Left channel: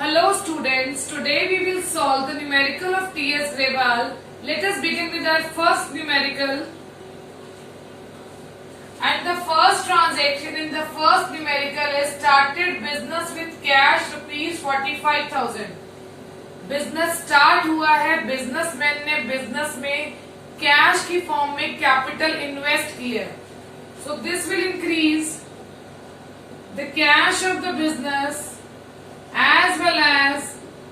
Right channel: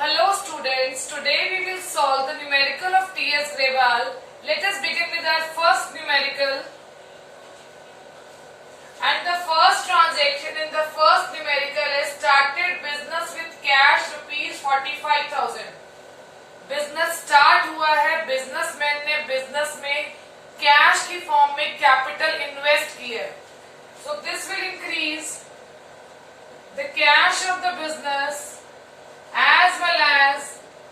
Hello students, today we will solve the numerical of T.S. Grewal. Let us begin with our first numerical. And the first transaction in the first numerical is started business with cash rupees 45,000. Business start हुआ है, businessman ने business में cash की form में capital invest की है. So this will increase the cash of the business as well as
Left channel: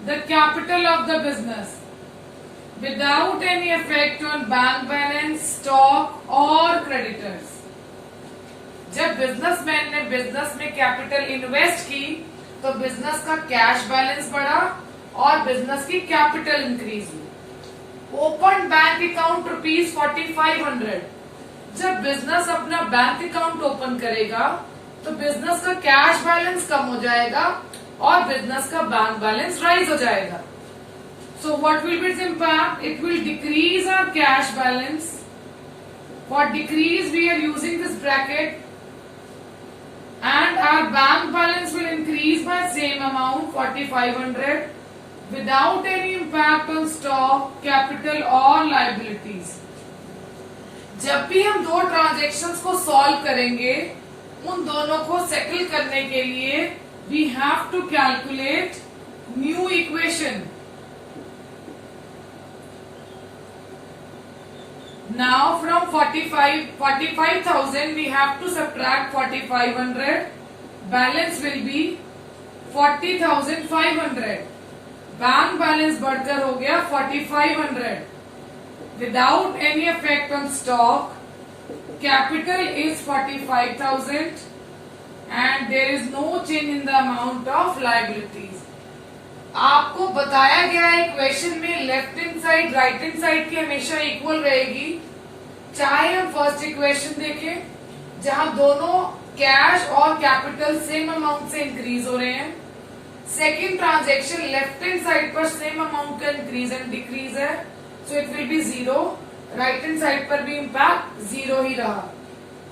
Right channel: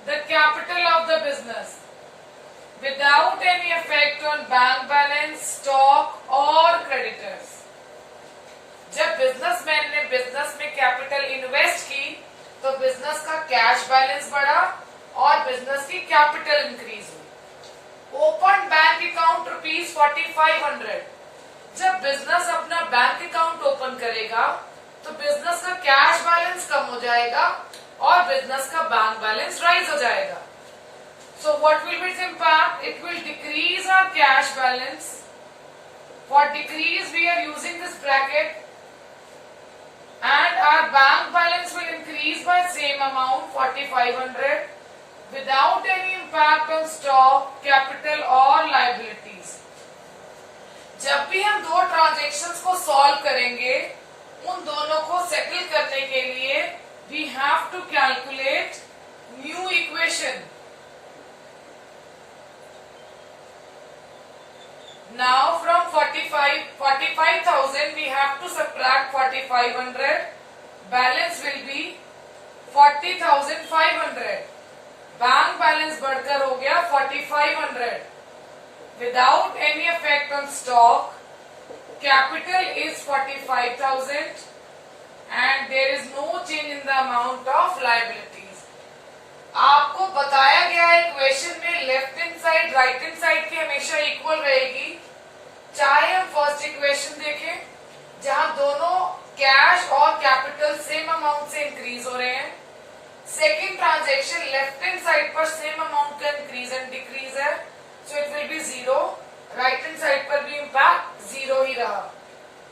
the capital of the business without any effect on bank balance, stock or creditors. जब businessman ने business में capital invest की तो business का cash balance बढ़ा और business की capital increase हुई. Open bank account rupees 4500. जब बिजनेस अपना बैंक अकाउंट ओपन करेगा तो बिजनेस का कैश बैलेंस कम हो जाएगा और बिजनेस का बैंक बैलेंस राइज हो जाएगा. So what will be its impact? It will decrease our cash balance. For decrease we are using this bracket and our bank balance will increase by same amount 4500 without any impact on stock, capital or liabilities. जब भी हम दो transactions को solve करेंगे उन दोनों को settle करने के लिए we have to calculate new equation. Now from 45,000 we have to subtract 4,500. Balance will be 40,500. Bank balance बढ़कर हो गया 4,500. Without any effect on stock, capital is 45,000 and there is no change in the amount of liabilities. आपको बताया गया है equation में left hand side right hand side की हमेशा इक्वल रहेगी. चाहे हम फर्स्ट इक्वेशन देखें जहां दोनों कैश और कैपिटल सेम अमाउंट से इंक्रीज हो रहे हैं. Second transaction left hand side पर सेम अमाउंट का इंक्रीज एंड डिक्रीज है, so it will be zero. Right hand side पर भी इम्पैक्ट जीरो ही रहा.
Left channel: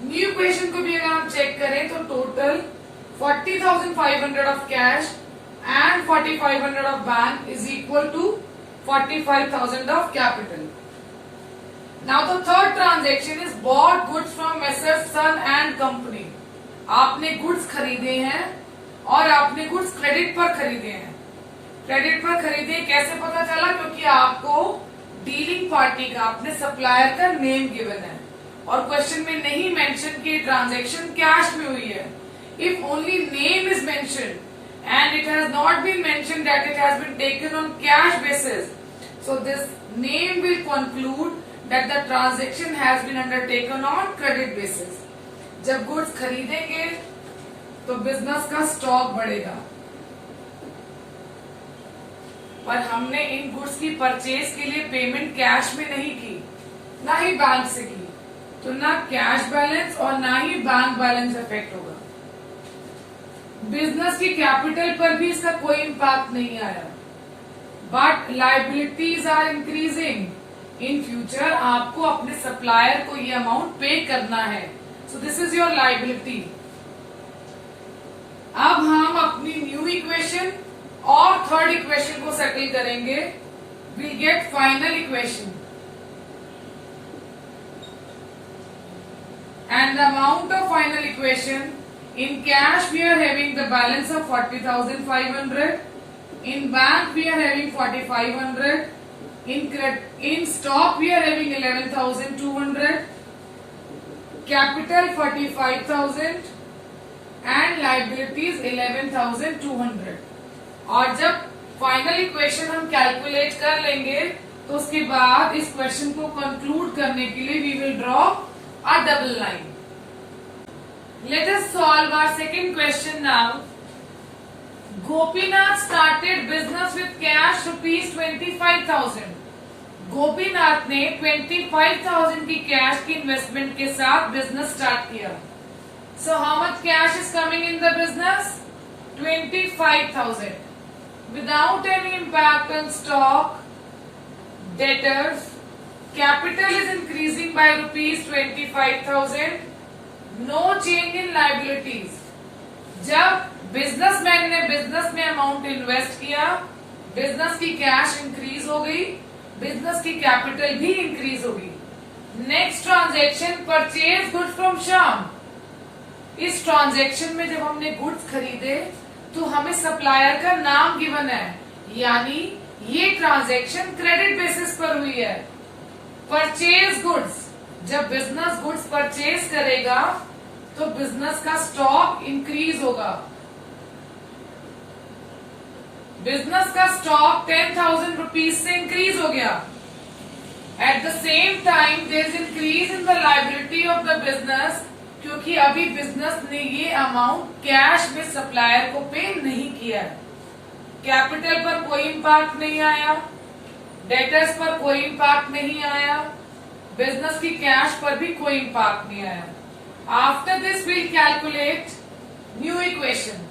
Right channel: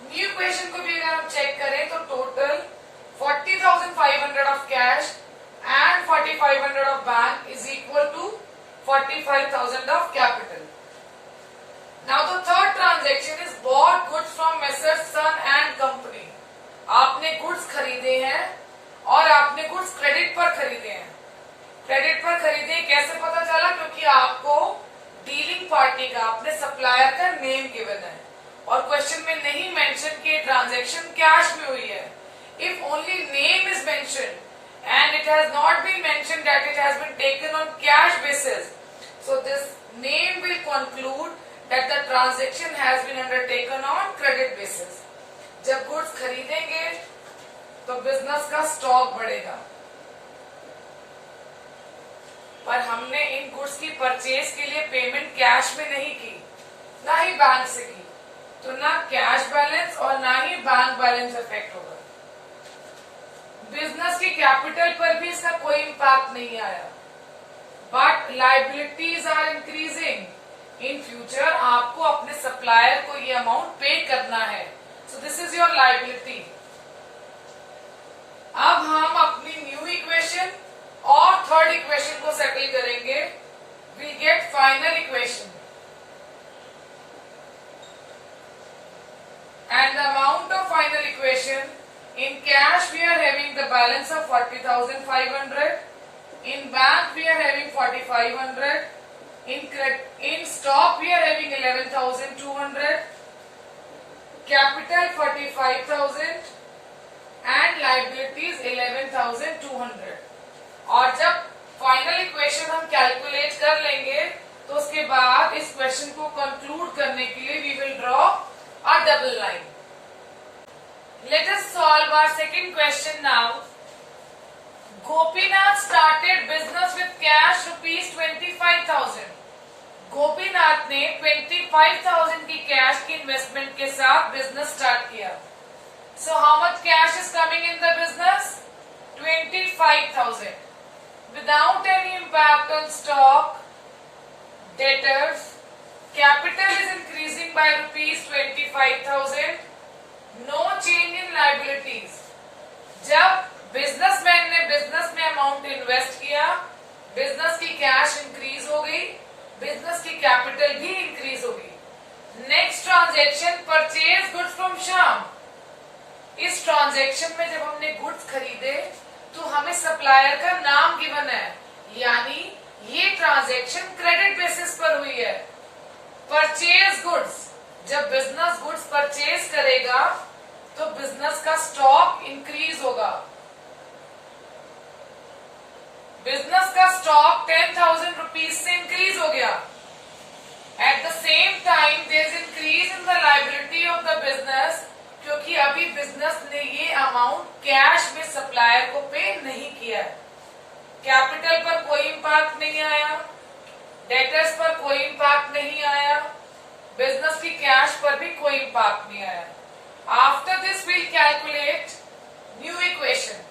न्यू इक्वेशन को भी अगर हम चेक करें तो total 40,500 of cash and 4,500 of bank is equal to 45,000 of capital. Now the third transaction is bought goods from Messrs Sun and Company. आपने गुड्स खरीदे हैं और आपने गुड्स क्रेडिट पर खरीदे हैं. क्रेडिट पर खरीदे कैसे पता चला? क्योंकि आपको डीलिंग पार्टी का अपने सप्लायर का नेम गिवन है और क्वेश्चन में नहीं मेंशन कि ट्रांजैक्शन कैश में हुई है. If only name is mentioned and it has not been mentioned that it has been taken on cash basis, so this name will conclude that the transaction has been undertaken on credit basis. जब goods खरीदेंगे तो business का stock बढ़ेगा, पर हमने इन goods की purchase के लिए पेमेंट कैश में नहीं की, ना ही बैंक से की, तो ना कैश बैलेंस और ना ही बैंक बैलेंस इफेक्ट होगा. बिजनेस की कैपिटल पर भी इसका कोई इम्पैक्ट नहीं आया. But liabilities are increasing. In future आपको अपने सप्लायर को ये अमाउंट पे करना है, so this is your liability. अब हम अपनी न्यू इक्वेशन और थर्ड इक्वेशन को सेटल करेंगे. We get final equation and the amount of final equation. In cash we are having the balance of 40,500. In bank we are having 4,500. In stock we are having 11,200. Capital 45,000 and liabilities 11,200. और जब final equation हम calculate कर लेंगे तो उसके बाद इस question को कंक्लूड करने के लिए we will draw a double line. Let us solve our second question now. Gopinath started business with cash rupees 25,000. Gopinath ने 25,000 की कैश की इन्वेस्टमेंट के साथ बिजनेस स्टार्ट किया. So how much cash is coming in the business? 25,000. Without any impact on stock, debtors, capital is increasing by rupees 25,000. No change in liabilities. जब businessman ने business में amount invest किया, business की cash increase हो गई, business की capital भी increase होगी। Next transaction purchase goods from Shyam. इस ट्रांजैक्शन में जब हमने गुड्स खरीदे तो हमें सप्लायर का नाम गिवन है, यानी ये ट्रांजैक्शन क्रेडिट बेसिस पर हुई है। परचेज गुड्स, जब बिजनेस गुड्स परचेज करेगा तो बिजनेस का स्टॉक इंक्रीज होगा। बिजनेस का स्टॉक 10,000 रुपीज से इंक्रीज हो गया। At the same time there is increase in the liability of the business, क्योंकि अभी बिजनेस ने ये अमाउंट कैश में सप्लायर को पे नहीं किया है। कैपिटल पर कोई इम्पैक्ट नहीं आया, डेटर्स पर कोई इम्पैक्ट नहीं आया, बिजनेस की कैश पर भी कोई इम्पैक्ट नहीं आया। After this we'll calculate new equation.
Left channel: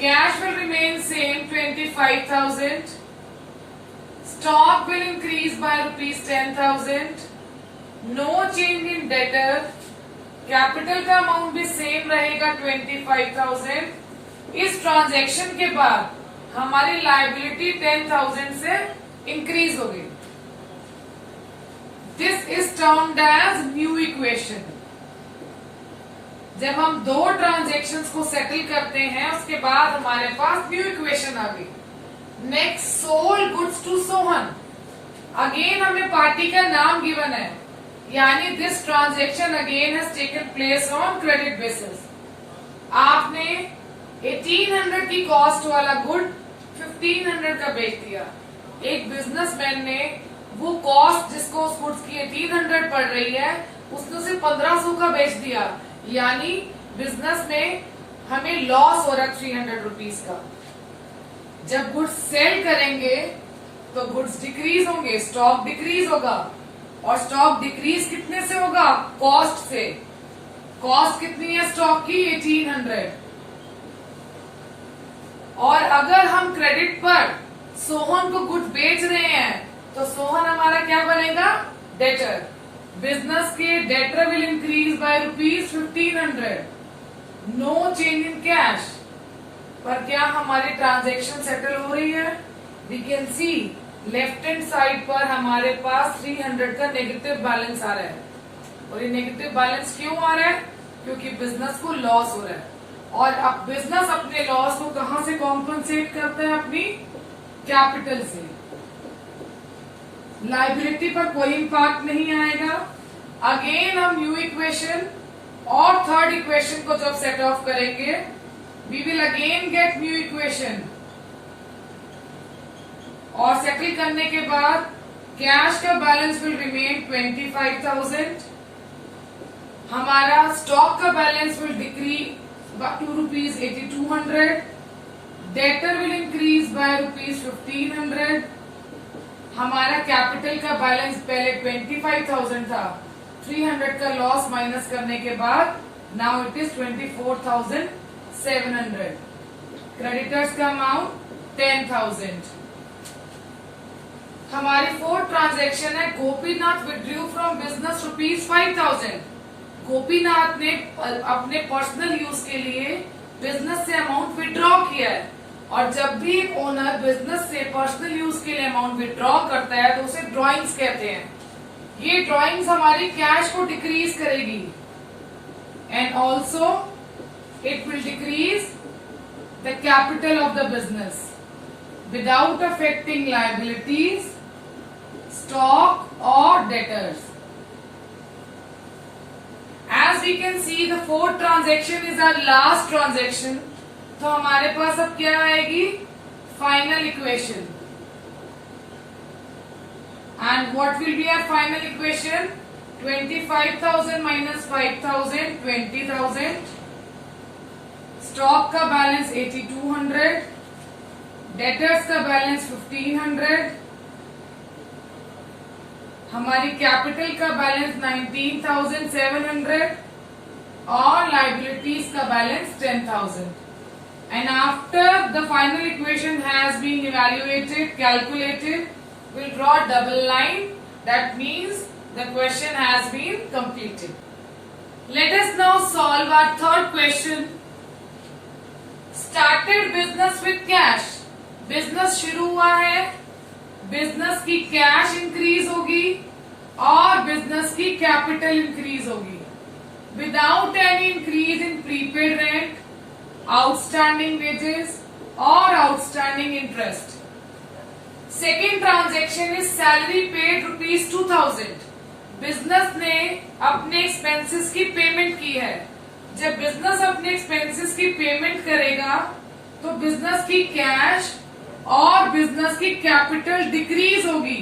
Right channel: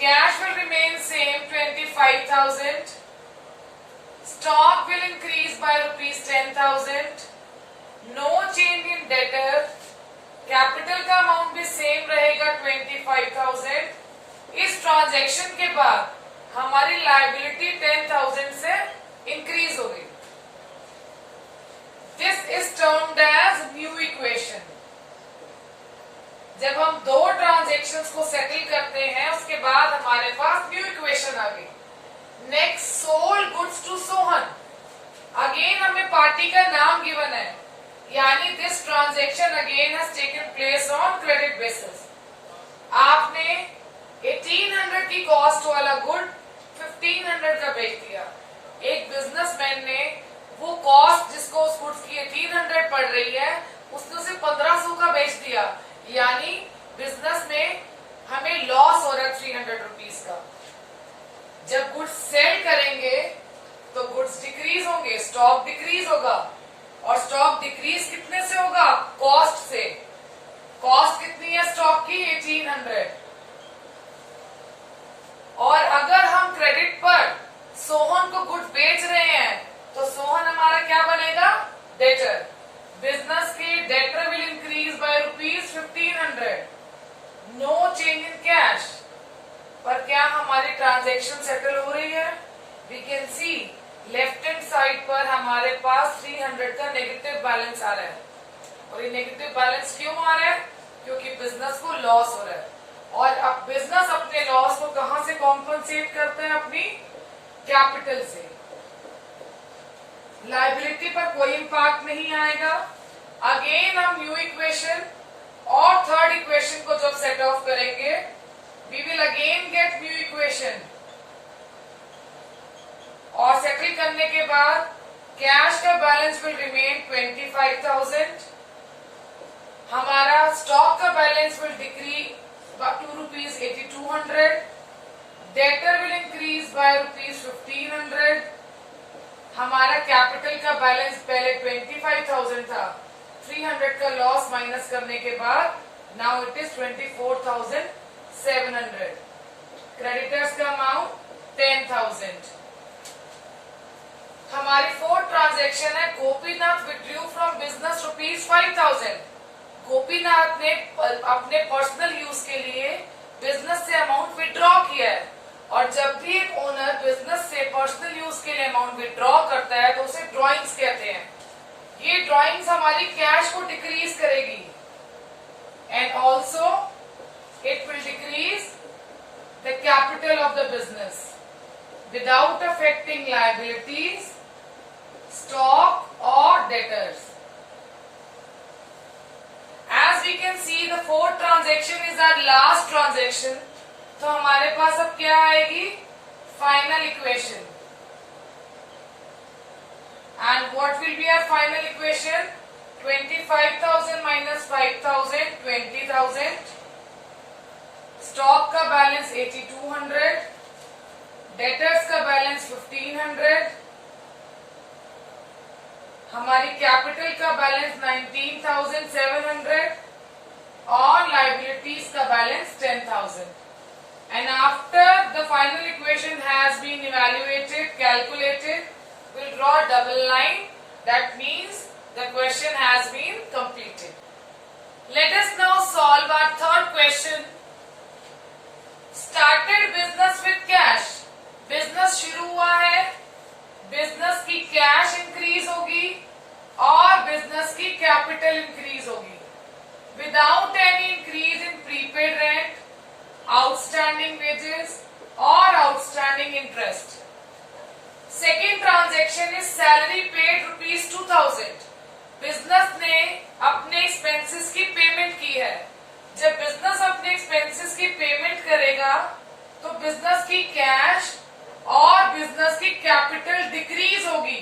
Cash will remain same 25,000. Stock will increase by rupees 10,000. No change in debtor. Capital का अमाउंट भी सेम रहेगा 25,000। इस ट्रांजैक्शन के बाद हमारी लायबिलिटी 10,000 से इंक्रीज हो गई। This is termed as new equation. जब हम दो ट्रांजैक्शंस को सेटल करते हैं उसके बाद हमारे पास न्यू इक्वेशन आ गई। Next, sold goods to Sohan. Again हमें पार्टी का नाम गिवन है, यानी this transaction again has taken place on credit basis. आपने 1800 की कॉस्ट वाला गुड 1500 का बेच दिया। एक बिजनेसमैन ने वो कॉस्ट जिसको उस गुड्स की 1800 पड़ रही है उसने उसे 1500 का बेच दिया, यानी बिजनेस में हमें लॉस हो रहा है 300 रुपीज का। जब गुड्स सेल करेंगे तो गुड्स डिक्रीज होंगे, स्टॉक डिक्रीज होगा, और स्टॉक डिक्रीज कितने से होगा? कॉस्ट से। कॉस्ट कितनी है स्टॉक की? 1800। और अगर हम क्रेडिट पर सोहन को गुड्स बेच रहे हैं तो सोहन हमारा क्या बनेगा? डेटर। बिजनेस के debtor will increase by rupees 1500। No change in cash. पर क्या हमारी ट्रांजैक्शन सेटल हो रही है? We can see left hand side पर हमारे पास 300 का नेगेटिव बैलेंस आ रहा है। और ये नेगेटिव बैलेंस क्यों आ रहा है? क्योंकि बिजनेस को लॉस हो रहा है। और अब बिजनेस अपने लॉस को कहां से कॉम्पनसेट करता है? अपनी कैपिटल से। लायबिलिटी पर कोई इम्पैक्ट नहीं आएगा। अगेन हम न्यू इक्वेशन और थर्ड इक्वेशन को जब सेट ऑफ करेंगे we will again get new equation. और सेटल करने के बाद कैश का बैलेंस विल रिमेन 25,000। हमारा स्टॉक का balance will decrease by ₹8200। Debtor will increase bye ₹1500। हमारा कैपिटल का बैलेंस पहले 25,000 था, 300 का लॉस माइनस करने के बाद नाउ इट इज 24,700। क्रेडिटर्स का अमाउंट 10,000। हमारी फोर्थ ट्रांजैक्शन है Gopinath withdrew from business ₹5,000। Gopinath ने अपने पर्सनल यूज के लिए बिजनेस से अमाउंट विड्रॉ किया है। और जब भी एक ओनर बिजनेस से पर्सनल यूज के लिए अमाउंट विड्रॉ करता है तो उसे ड्रॉइंग्स कहते हैं। ये ड्रॉइंग्स हमारी कैश को डिक्रीज करेगी and also it will decrease the capital of the business without affecting liabilities, stock और debtors. As we can see, the fourth transaction is our last transaction. तो हमारे पास अब क्या आएगी? Final equation. And what will be our final equation? 25,000 minus 5,000, 20,000. Stock का balance 8200, debtors का balance 1500, हमारी capital का बैलेंस 19,700 और लाइबिलिटीज का balance 10,000. And after the final equation has been evaluated, calculated, we'll draw a double line. That means the question has been completed. Let us now solve our third question. Started business with cash, business शुरू हुआ है, business की cash increase होगी और business की capital increase होगी without any increase in prepaid rent, outstanding wages और outstanding interest. Second transaction is salary paid ₹2000। Business ने अपने एक्सपेंसेस की पेमेंट की है। जब बिजनेस अपने एक्सपेंसेस की पेमेंट करेगा तो बिजनेस की कैश और बिजनेस की कैपिटल डिक्रीज होगी,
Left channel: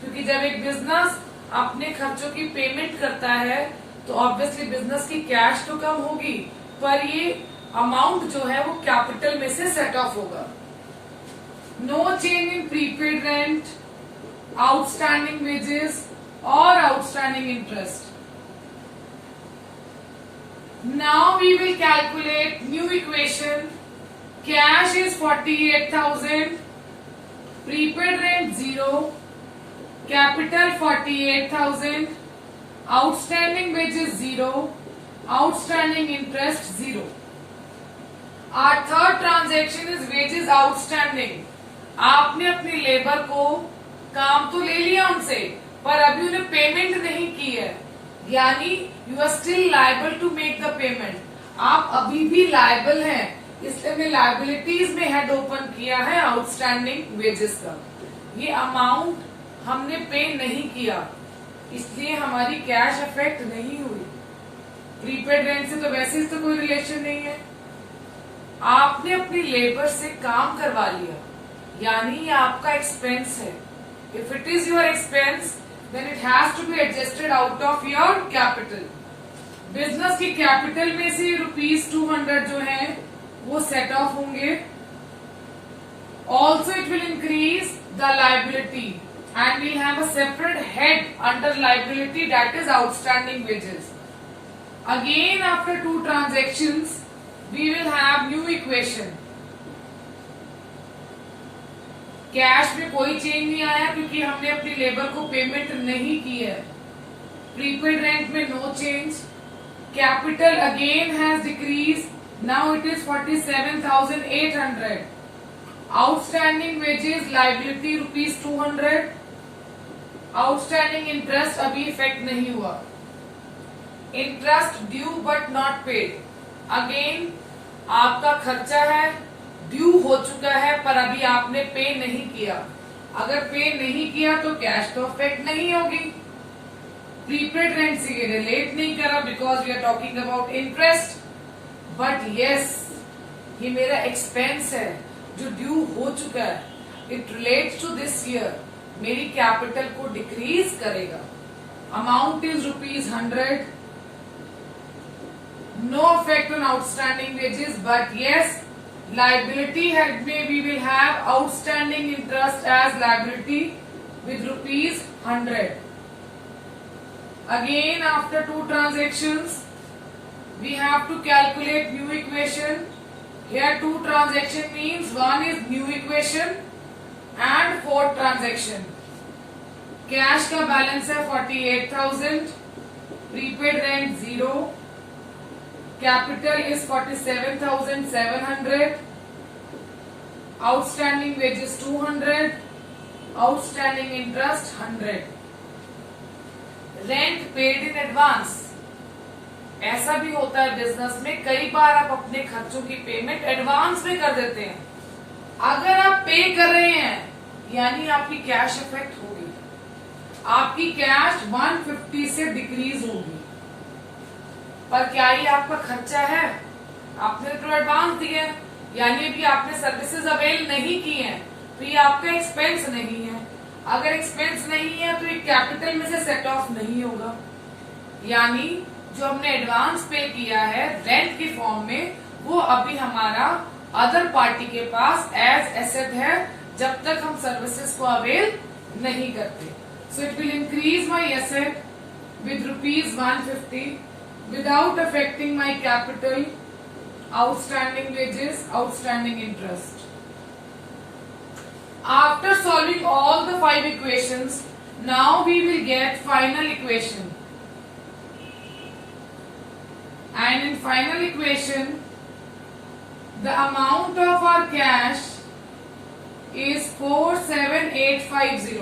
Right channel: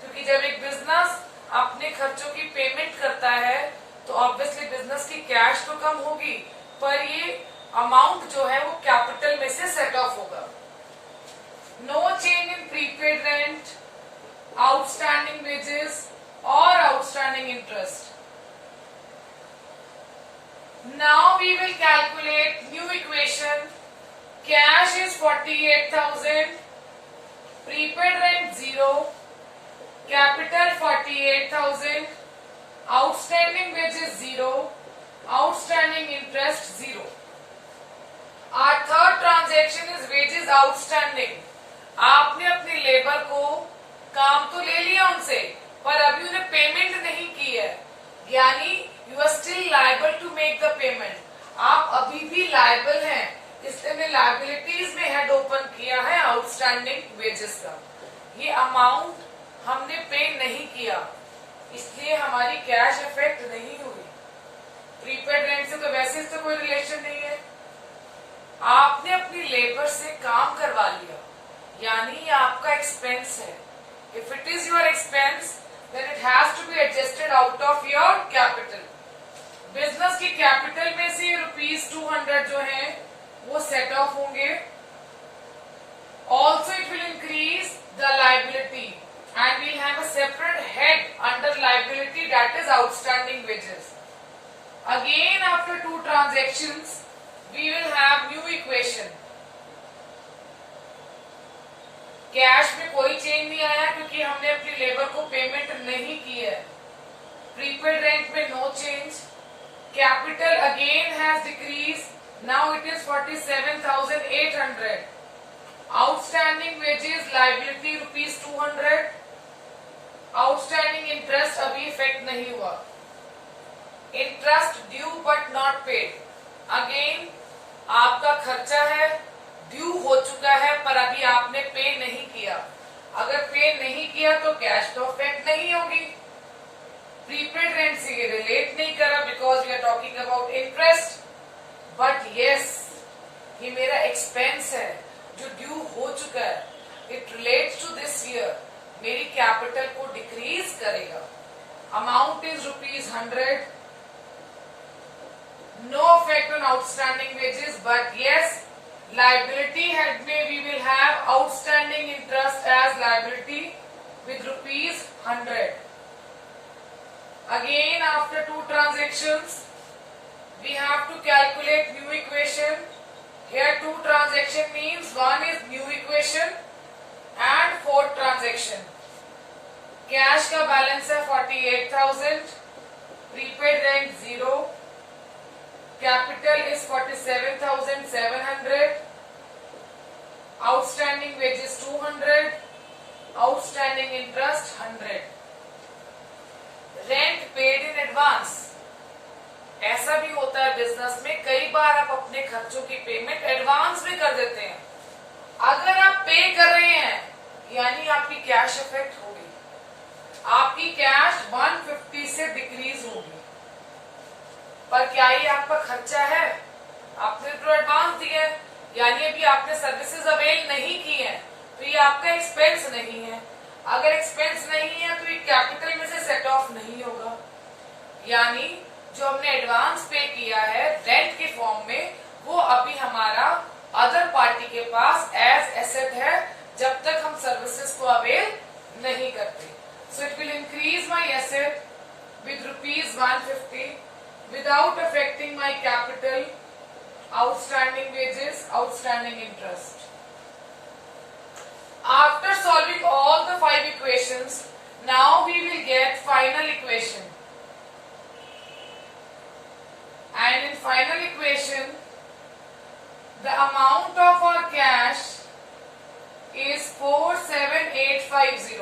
क्योंकि जब एक बिजनेस अपने खर्चों की पेमेंट करता है तो ऑब्वियसली बिजनेस की कैश तो कम होगी, पर ये अमाउंट जो है वो कैपिटल में से सेट ऑफ होगा। No change in prepaid rent, outstanding wages और outstanding interest. Now we will calculate new equation. Cash is 48,000, prepaid rent 0, capital 48,000, outstanding wages 0, outstanding interest 0. Our third transaction is wages outstanding. आपने अपनी labour को काम तो ले लिया उनसे, पर अभी उन्हें पेमेंट नहीं की है, यानी you are still liable to make the payment. आप अभी भी लायबल हैं, इसलिए हमने लायबिलिटीज में हेड ओपन किया है आउटस्टैंडिंग वेजेस का। ये अमाउंट हमने पे नहीं किया, इसलिए हमारी कैश इफेक्ट नहीं हुई। प्रीपेड रेंट से तो वैसे इससे कोई रिलेशन नहीं है। आपने अपनी लेबर से काम करवा लिया, यानी ये आपका एक्सपेंस है। If it is your expense then it has to be adjusted out of your capital. Business की कैपिटल में से ₹200 जो है वो सेट ऑफ होंगे। Also it will increase the liability and we'll have a separate head under liability, that is outstanding wages. Again after 2 transactions we will have new equation. Cash में कोई change नहीं आया क्योंकि हमने अपनी लेबर को payment नहीं की है। प्रीपेड रेंट में no change. Capital again has decrease, now it is 47,800। Outstanding wages liability ₹200। Outstanding interest अभी इफेक्ट नहीं हुआ। Interest due but not paid, again आपका खर्चा है, ड्यू हो चुका है पर अभी आपने पे नहीं किया। अगर पे नहीं किया तो कैश तो इफेक्ट नहीं होगी। प्रीपेड रेंट से ये रिलेट नहीं करा because we are talking about interest, but yes ये मेरा एक्सपेंस है जो ड्यू हो चुका है। It relates to this year, मेरी कैपिटल को डिक्रीज करेगा। Amount is ₹100। No effect on outstanding wages, but yes liability head में we will have outstanding interest as liability with ₹100. Again after 2 transactions we have to calculate new equation. Here 2 transaction means one is new equation and 4th transaction. Cash का balance है 48,000, prepaid rent 0, capital is 47,700, outstanding wages 200, outstanding interest 100. Rent paid in advance. ऐसा भी होता है business में, कई बार आप अपने खर्चों की पेमेंट एडवांस में कर देते हैं। अगर आप पे कर रहे हैं यानी आपकी कैश इफेक्ट होगी, आपकी कैश 150 से डिक्रीज होगी। पर क्या ये आपका खर्चा है? आपने तो एडवांस दिया है, यानी अभी आपने सर्विसेज अवेल नहीं की हैं, तो ये आपका एक्सपेंस नहीं है। अगर एक्सपेंस नहीं है तो ये कैपिटल में से सेट ऑफ नहीं होगा, यानी जो हमने एडवांस पे किया है रेंट के फॉर्म में वो अभी हमारा अदर पार्टी के पास एज एसेट है जब तक हम सर्विसेज को अवेल नहीं करते। So it will increase my asset with ₹150 without affecting my capital, outstanding wages, outstanding interest. After solving all the 5 equations, now we will get final equation. And in final equation, The amount of our cash is 47850.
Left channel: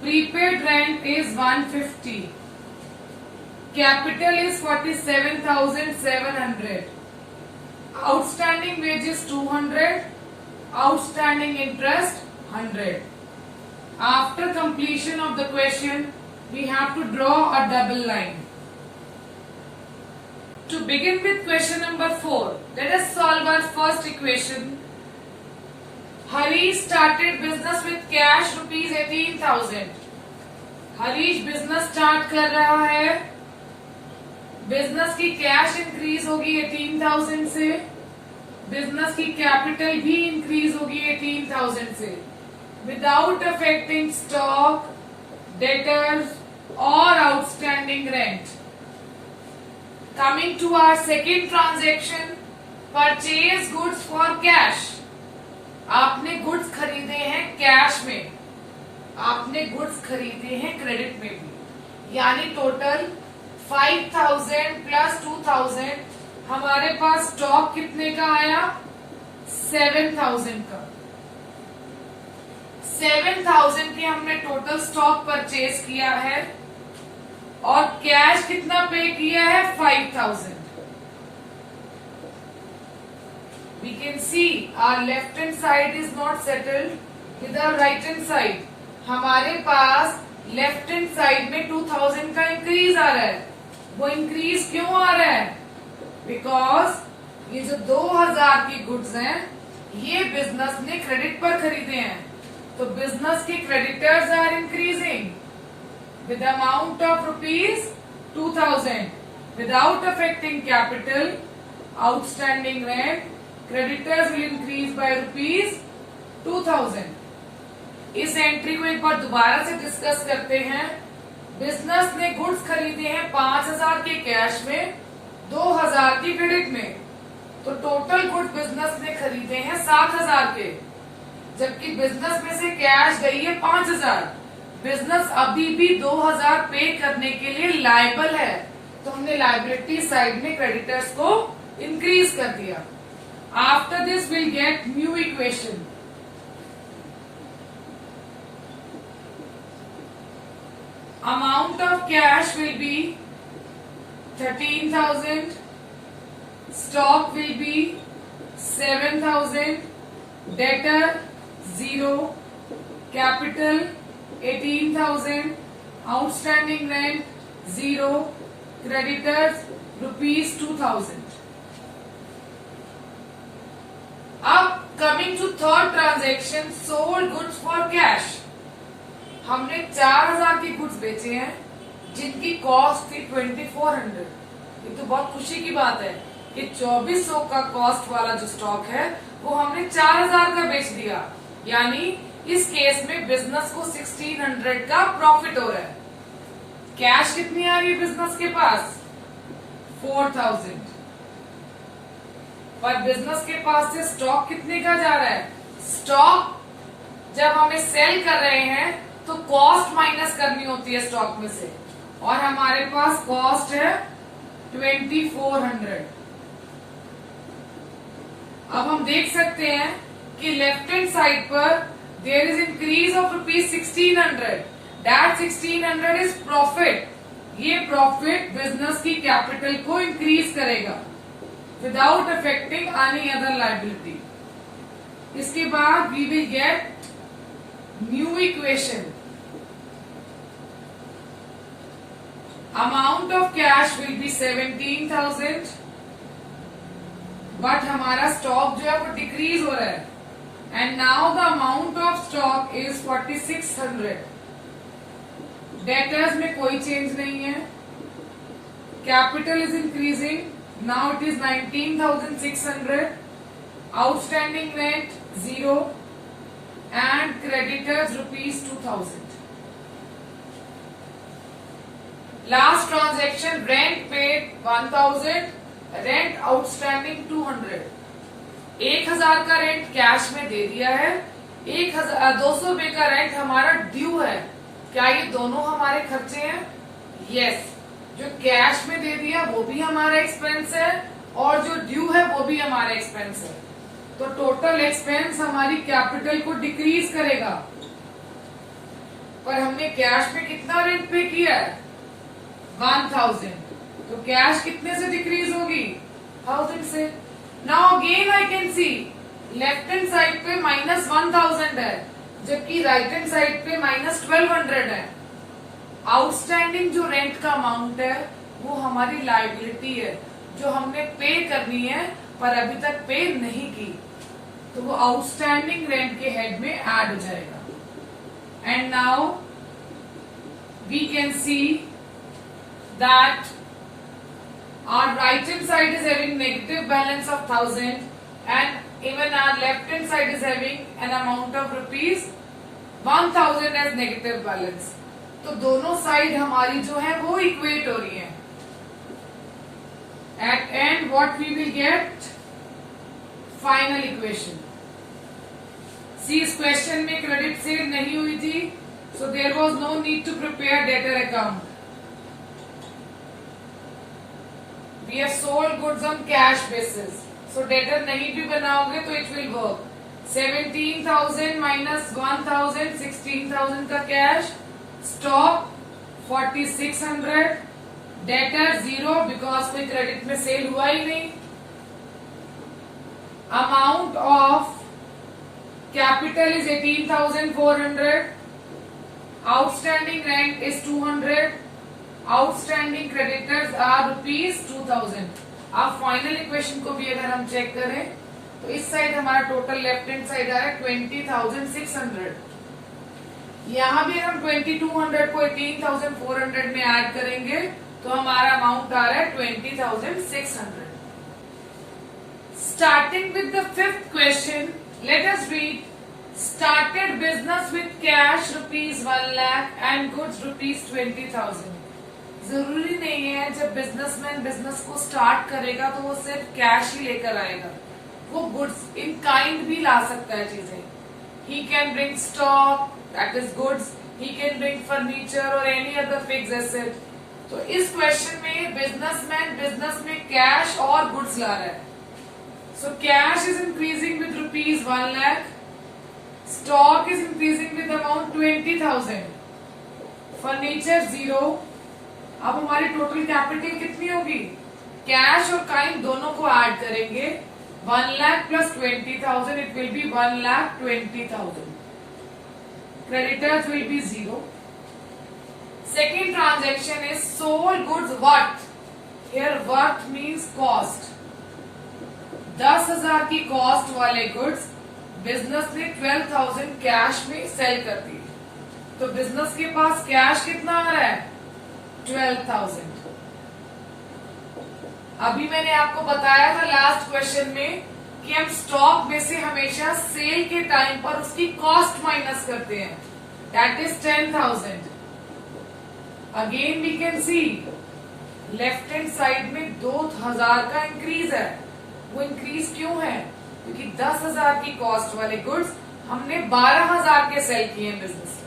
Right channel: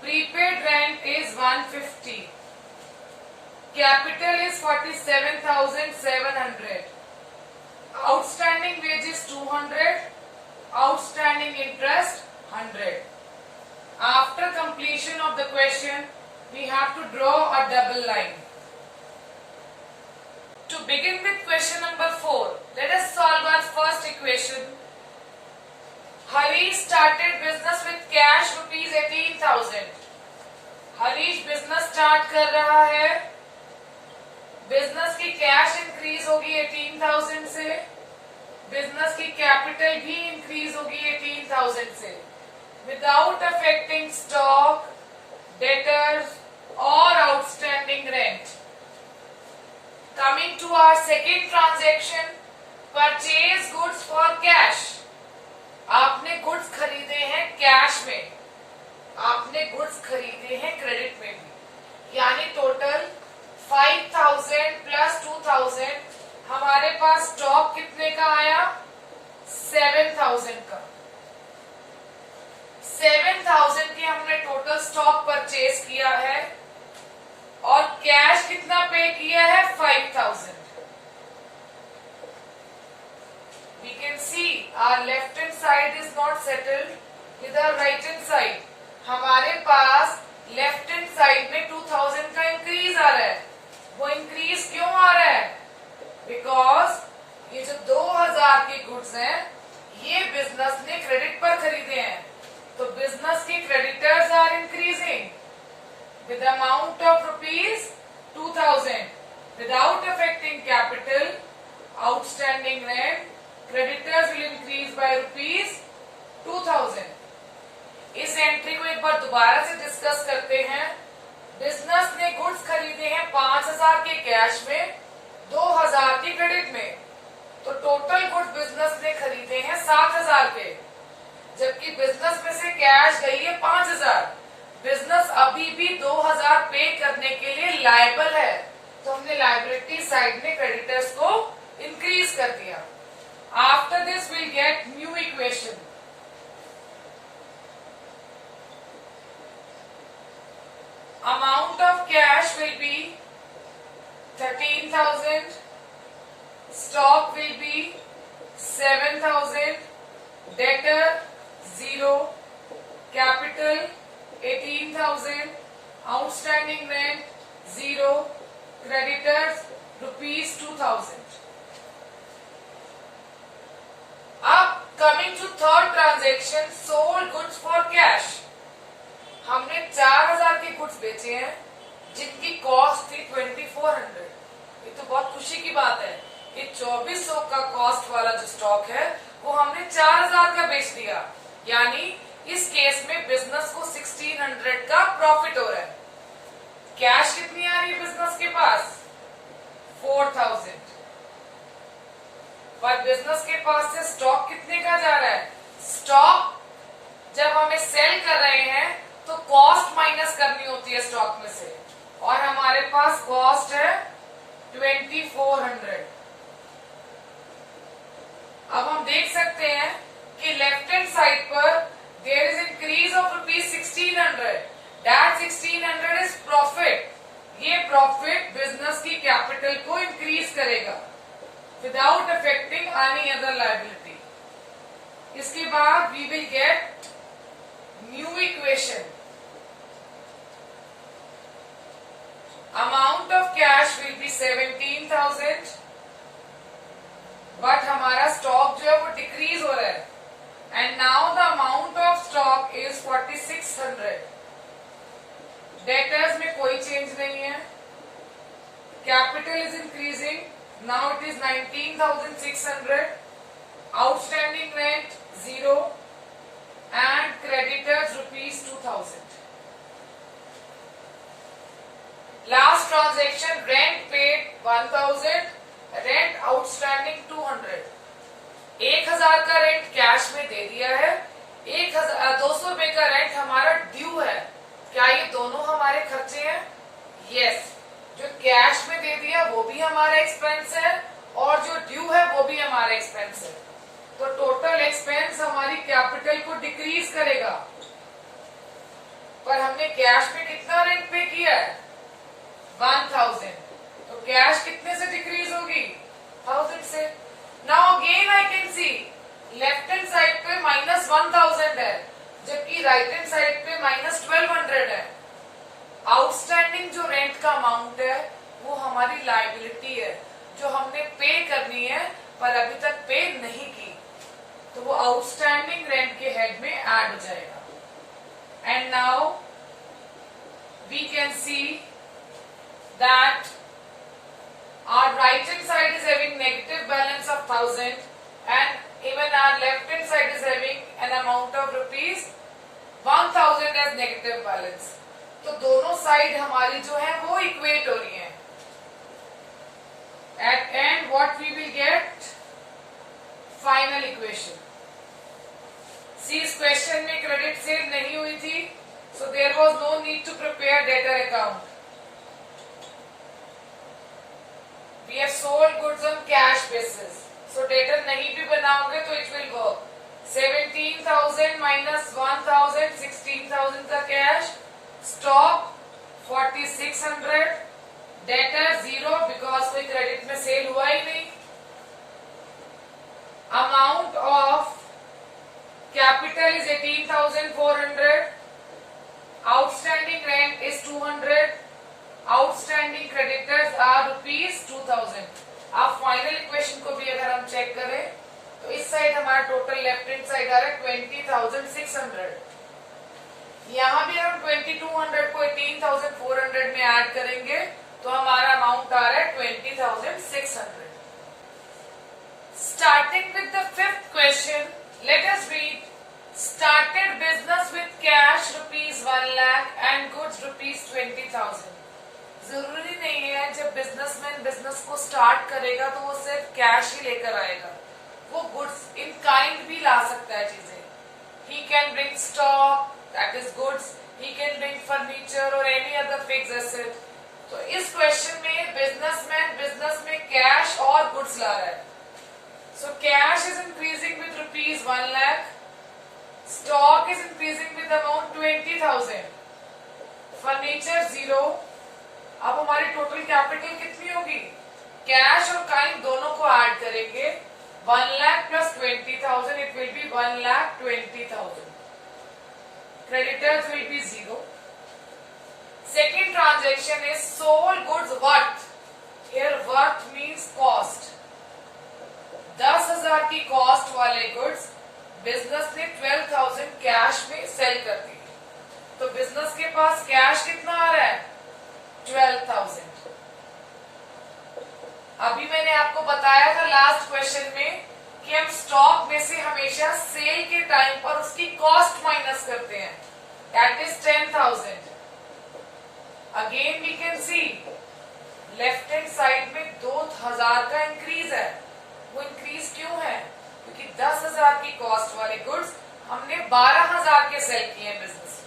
Prepaid rent is 150. Capital is 47,700. Outstanding wages 200. Outstanding interest 100. After completion of the question, we have to draw a double line. To begin with question number 4, let us solve our first equation. Harish started business with cash rupees 18,000. Harish business start कर रहा है, business की cash increase होगी 18,000 से, business की capital भी increase होगी 18,000 से, विदाउट अफेक्टिंग स्टॉक, डेटर्स और outstanding rent. Coming to our second transaction, purchase goods for cash. आपने गुड्स खरीदे हैं कैश में, आपने गुड्स खरीदे हैं क्रेडिट में भी, यानी टोटल 5,000 प्लस 2,000 हमारे पास स्टॉक कितने का आया? 7,000 का. 7,000 के हमने टोटल स्टॉक परचेज किया है और कैश कितना पे किया है? 5,000. We can see our left hand side is not settled with our right hand side. हमारे पास लेफ्ट हैंड साइड में 2,000 का इंक्रीज आ रहा है. वो इंक्रीज क्यों आ रहा है? बिकॉज ये जो 2,000 की गुड्स हैं ये बिजनेस ने क्रेडिट पर खरीदे हैं, तो बिजनेस की creditors are increasing with amount of rupees 2,000 without affecting capital, outstanding rent, creditors will increase by rupees 2,000. इस एंट्री को एक बार दोबारा से डिस्कस करते हैं. बिजनेस ने गुड्स खरीदे हैं 5,000 के कैश में, 2,000 की क्रेडिट में, तो टोटल गुड्स बिजनेस ने खरीदे हैं 7,000 के, जबकि बिजनेस में से कैश गई है 5,000. बिजनेस अभी भी 2,000 पे करने के लिए लायबल है, तो हमने लायबिलिटी साइड में क्रेडिटर्स को इंक्रीज कर दिया. After this will get new equation. Amount of cash will B 13,000, stock will be 7,000, debtor 0, capital 18,000, outstanding rent 0, creditors rupees 2,000. अब coming to third transaction, sold goods for cash. हमने 4,000 की goods बेचे हैं जिनकी cost थी 2,400. ये तो बहुत खुशी की बात है कि 2,400 का कॉस्ट वाला जो स्टॉक है वो हमने 4,000 का बेच दिया, यानी इस केस में बिजनेस को 1,600 का प्रॉफिट हो रहा है. कैश कितनी आ रही है बिजनेस के पास? 4,000. पर बिजनेस के पास से स्टॉक कितने का जा रहा है? स्टॉक जब हमें सेल कर रहे हैं तो कॉस्ट माइनस करनी होती है स्टॉक में से, और हमारे पास कॉस्ट है 2,400. अब हम देख सकते हैं कि लेफ्ट हैंड साइड पर there is increase of rupees 1,600. That 1,600 is profit. ये प्रॉफिट बिजनेस की कैपिटल को इंक्रीज करेगा without affecting any other liability. इसके बाद we will get new equation. Amount of cash will be 17,000, but हमारा stock जो है वो डिक्रीज हो रहा है, and now the amount of stock is 4,600. Debtors में कोई चेंज नहीं है. Capital is increasing. Now it is 19,600. Outstanding rent 0 and creditors rupees 2,000. Last transaction, rent paid 1,000, rent outstanding 200. 1,000 का रेंट कैश में दे दिया है, 200 रुपए का रेंट हमारा ड्यू है. क्या ये दोनों हमारे खर्चे हैं? यस. जो कैश में दे दिया वो भी हमारा एक्सपेंस है और जो ड्यू है वो भी हमारा एक्सपेंस है। तो टोटल एक्सपेंस हमारी कैपिटल को डिक्रीज करेगा। पर हमने कैश में कितना रेंट पे किया है? 1000। तो कैश कितने से डिक्रीज होगी? 1000 से। Now again I can see left hand side पे -1000 है, जबकि राइट हैंड साइड पे -1200 है। आउटस्टैंडिंग जो रेंट का अमाउंट है वो हमारी लायबिलिटी है, जो हमने पे करनी है पर अभी तक पे नहीं की, तो वो आउटस्टैंडिंग रेंट के हेड में ऐड हो जाएगा। And now we can see that our right hand side is having negative balance of 1000 and even our left hand side is having an amount of rupees 1000 as negative balance। तो दोनों side हमारी जो है वो equate हो रही है। At end what we will get? Final equation। See, इस क्वेश्चन में क्रेडिट सेल नहीं हुई थी, so there was no need to prepare debtor account। We have sold goods on cash basis, so debtor नहीं भी बनाओगे तो it will work। 17,000 minus 1,000, 16,000 का कैश, स्टॉक 4600, डेटर 0 बिकॉज कोई क्रेडिट में सेल हुआ ही नहीं। Amount of capital is 18,400, outstanding rent is 200, outstanding creditors are ₹2000। अब फाइनल इक्वेशन को भी अगर हम चेक करें तो इस साइड हमारा टोटल लेफ्ट हैंड साइड आ रहा है 20,600। यहां भी हम 2200 को 18,400 में ऐड करेंगे तो हमारा अमाउंट आ रहा है 20,600। Starting with the fifth question, let us read. Started business with cash ₹1 lakh and goods ₹20,000। जरूरी नहीं है जब बिजनेसमैन बिजनेस को स्टार्ट करेगा तो वो सिर्फ कैश ही लेकर आएगा, वो गुड्स इन काइंड भी ला सकता है चीजें। He can bring stock, that is goods, he can bring furniture और एनी अदर फिक्स्ड एसेट। तो इस क्वेश्चन में बिजनेसमैन बिजनेस में कैश और गुड्स ला रहा है। So cash is increasing with ₹1 lakh, stock is increasing with amount 20,000, furniture 0। अब हमारी टोटल कैपिटल कितनी होगी? कैश और काइंड दोनों को ऐड करेंगे, 1 lakh plus 20,000, it will be 1,20,000। Creditors will be 0. Second transaction is sold goods worth. Here worth means cost. 10,000 की cost वाले गुड्स बिजनेस ने 12,000 कैश में सेल कर दी। तो बिजनेस के पास कैश कितना आ रहा है? 12,000। अभी मैंने आपको बताया था लास्ट क्वेश्चन में कि हम स्टॉक में से हमेशा सेल के टाइम पर उसकी कॉस्ट माइनस करते हैं, that is 10,000। Again we can see left hand side में 2,000 का इंक्रीज है। वो इंक्रीज क्यों है? क्योंकि 10,000 की कॉस्ट वाले गुड्स हमने 12,000 के सेल किए हैं बिजनेस में।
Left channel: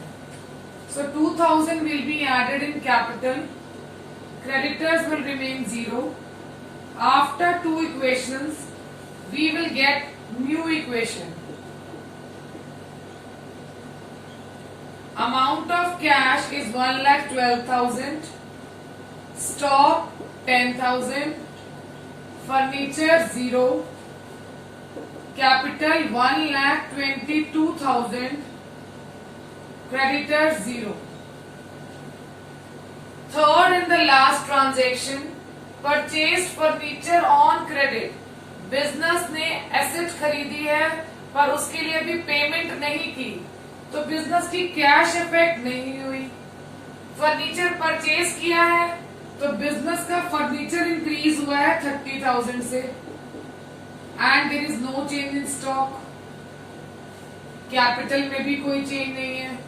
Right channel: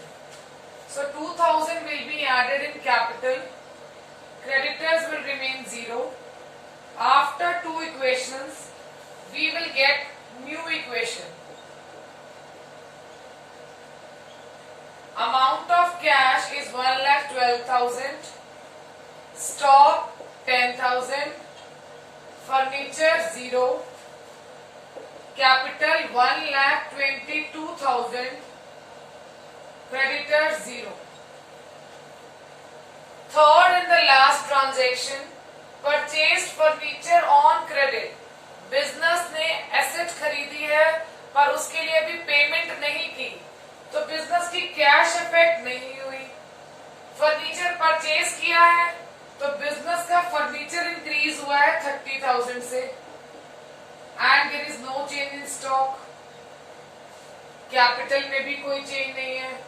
So 2,000 will be added in capital. Creditors will remain 0. After two equations, we will get new equation. Amount of cash is 1,12,000. Stock 10,000. Furniture 0. Capital 1,22,000. Creditors 0. Third and the last transaction, purchased furniture on credit. Business ने asset खरीदी है पर उसके लिए अभी payment नहीं की, तो बिजनेस की कैश इफेक्ट नहीं हुई। फर्नीचर परचेज किया है तो बिजनेस का फर्नीचर इंक्रीज हुआ है 30,000 से, and there is no change in stock. Capital में भी कोई चेंज नहीं है।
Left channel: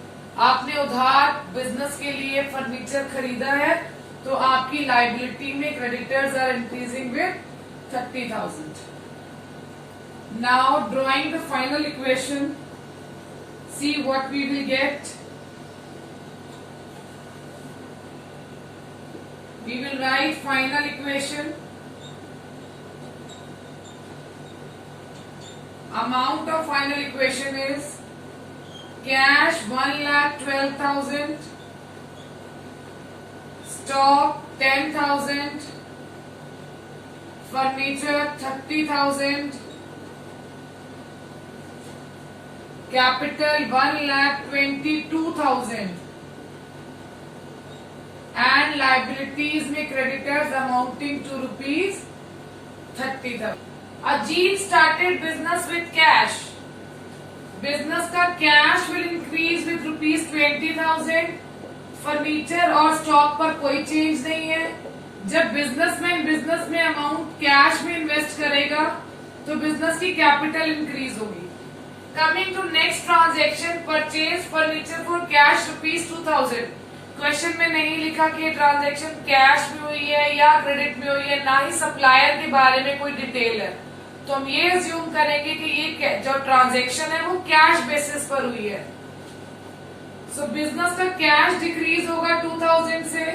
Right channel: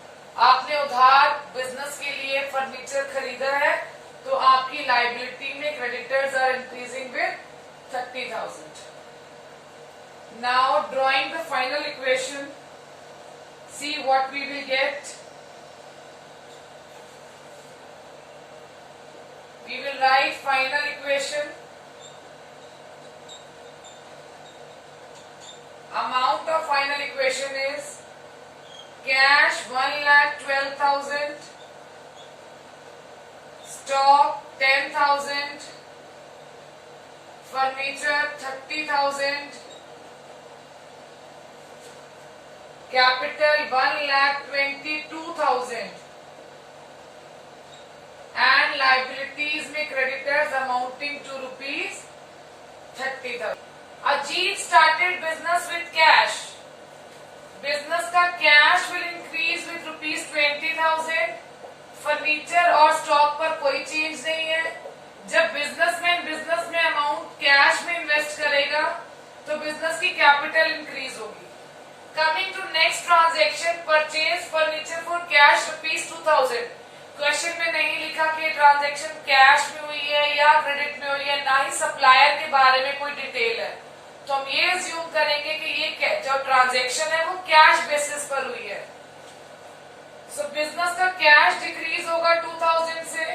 आपने उधार बिजनेस के लिए फर्नीचर खरीदा है तो आपकी लाइबिलिटी में creditors are increasing with 30,000। Now drawing the final equation, see what we will get. We will write final equation amount of final equation is cash 1,12,000, stock 10,000, furniture 30,000, capital 1,22,000 and liabilities में creditors amounting to rupees 30,000. Ajit started business with cash. Business का cash will increase with rupees 20,000. Furniture और stock पर कोई change नहीं है. जब businessman business में amount cash में इन्वेस्ट करेगा तो बिजनेस की कैपिटल इंक्रीज होगी. Coming to next transaction, purchase furniture for cash rupees 2,000. Question में नहीं लिखा कि ट्रांजैक्शन कैश में हुई है या क्रेडिट में हुई है, ना ही सप्लायर के बारे में कोई डिटेल है. तो हम ये अज्यूम करेंगे कि ये जो ट्रांजैक्शन है वो कैश बेसिस पर हुई है. सो बिजनेस का कैश डिक्रीज होगा 2,000 से.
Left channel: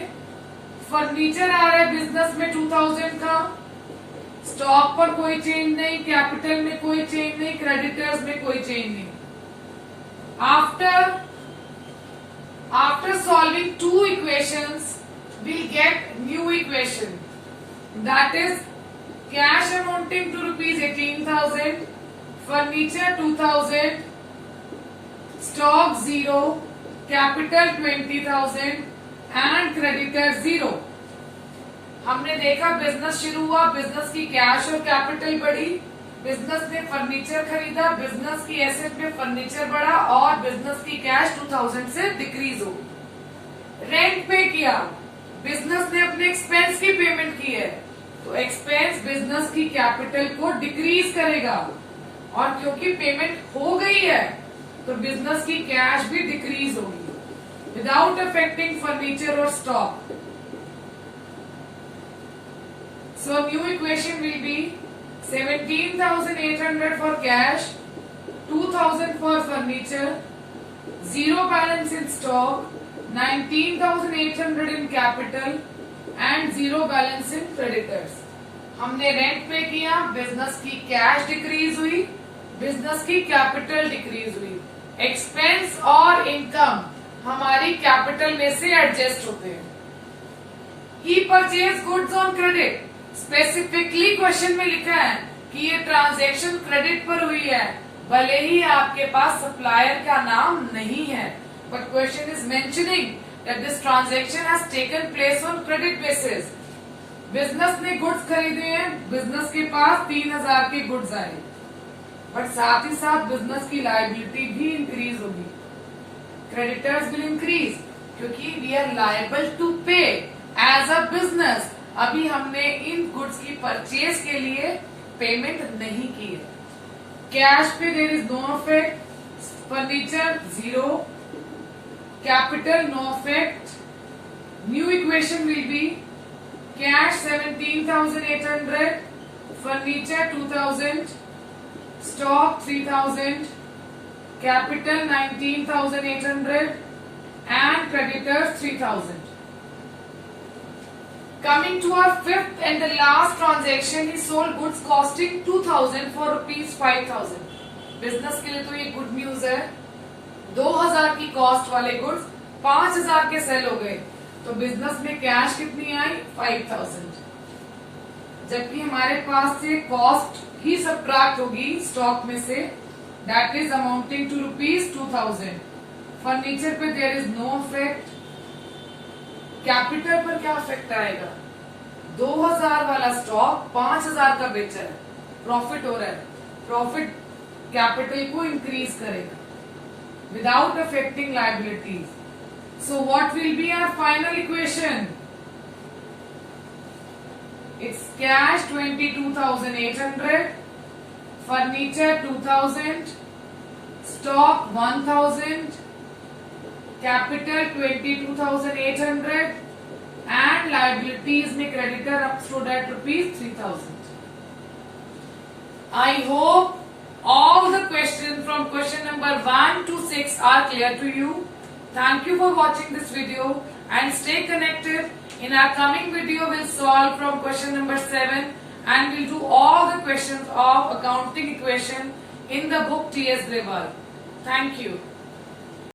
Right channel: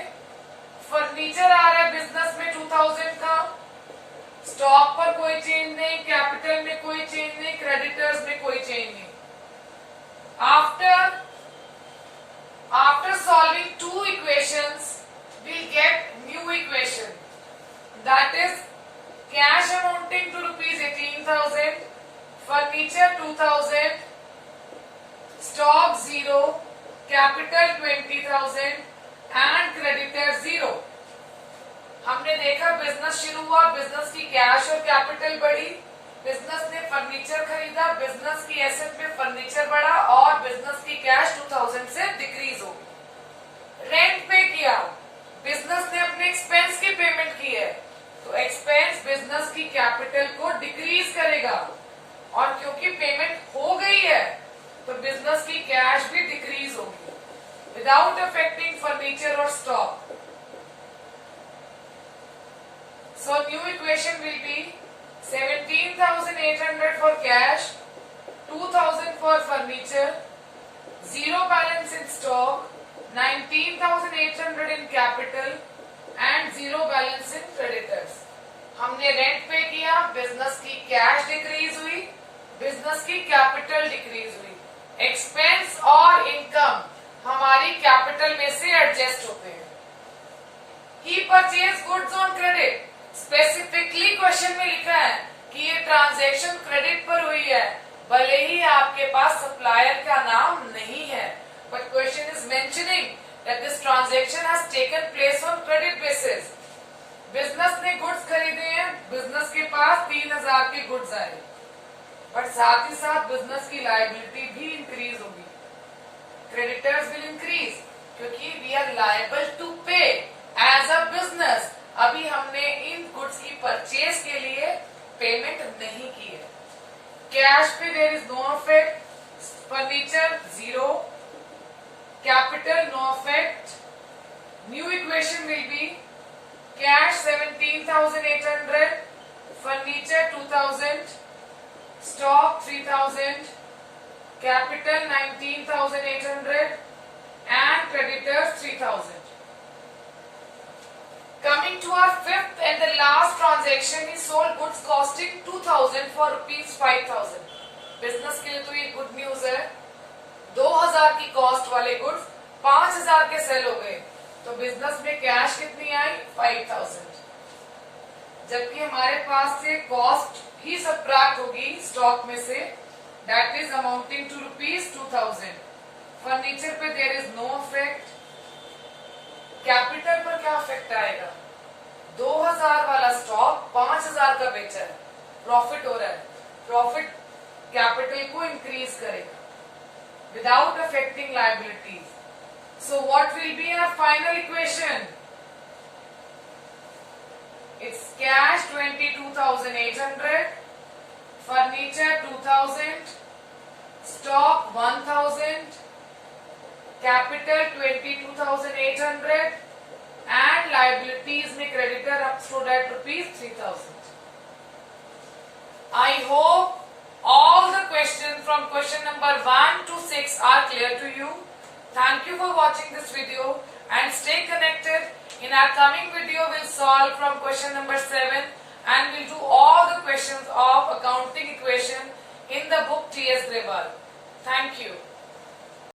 फर्नीचर आ रहा है बिजनेस में 2,000 का. स्टॉक पर कोई चेंज नहीं, कैपिटल में कोई चेंज नहीं, क्रेडिटर्स में कोई चेंज नहीं. After solving two equations, we'll get new equation. That is cash amounting to rupees 18,000, furniture 2,000, stock 0, capital 20,000 and creditor 0. हमने देखा बिजनेस शुरू हुआ, बिजनेस की कैश और कैपिटल बढ़ी, बिजनेस ने फर्नीचर खरीदा, बिजनेस की एसेट में फर्नीचर बढ़ा और बिजनेस की कैश 2,000 से डिक्रीज हो गई. रेंट पे किया, बिजनेस ने अपने एक्सपेंस की पेमेंट की है तो एक्सपेंस बिजनेस की कैपिटल को डिक्रीज करेगा और क्योंकि पेमेंट हो गई है तो बिजनेस की कैश भी डिक्रीज होगी विदाउट अफेक्टिंग फर्नीचर और stock. So new equation will be 17,800 for cash, 2,000 for furniture, 0 balance in stock, 19,800 in capital and 0 balance in creditors. हमने रेंट पे किया, बिजनेस की कैश डिक्रीज हुई, बिजनेस की capital decrease हुई. Expense और income हमारी capital में से एडजस्ट होते हैं. He purchase goods on credit. Specifically question में लिखा है कि ये ट्रांजैक्शन क्रेडिट पर हुई है, भले ही आपके पास सप्लायर का नाम नहीं है, but question is mentioning that this transaction has taken place on credit basis. Business ने गुड्स खरीदे हैं, बिजनेस के पास 3,000 के गुड्स आए, बट साथ ही साथ बिजनेस की लायबिलिटी भी इंक्रीज होगी. क्रेडिटर्स विल इंक्रीज क्योंकि वी आर लायबल टू पे एज अ बिजनेस. अभी हमने इन गुड्स की परचेज के लिए पेमेंट नहीं की है. कैश पे there is no affect, furniture 0, capital no affect. New equation will be cash 17,800, furniture 2,000, stock 3,000, capital 19,800 and creditors 3,000. Coming to our fifth and the last transaction, he sold goods costing 2,000 for rupees 5,000. Business के लिए तो ये good news है. 2,000 की cost वाले goods 5,000 के cell हो गए तो बिजनेस में कैश कितनी आई 5,000. जबकि हमारे पास से कॉस्ट ही सब्ट्रैक्ट होगी स्टॉक में से, that is amounting to rupees 2,000. Furniture पे there is no effect. Capital पर क्या इफेक्ट आएगा? 2,000 वाला स्टॉक 5,000 का बेचा है, प्रॉफिट हो रहा है, प्रॉफिट कैपिटल को इंक्रीज करेगा without affecting liabilities. So what will be our final equation? It's cash 22,800, furniture 2,000, stock 1,000, capital 22,800 and liabilities में creditor up stood at rupees 3,000. I hope all the questions from question number 1 to 6 are clear to you. Thank you for watching this video and stay connected. In our coming video, we'll solve from question number 7 and we'll do all the questions of accounting equation in the book T.S. Grewal. Thank you.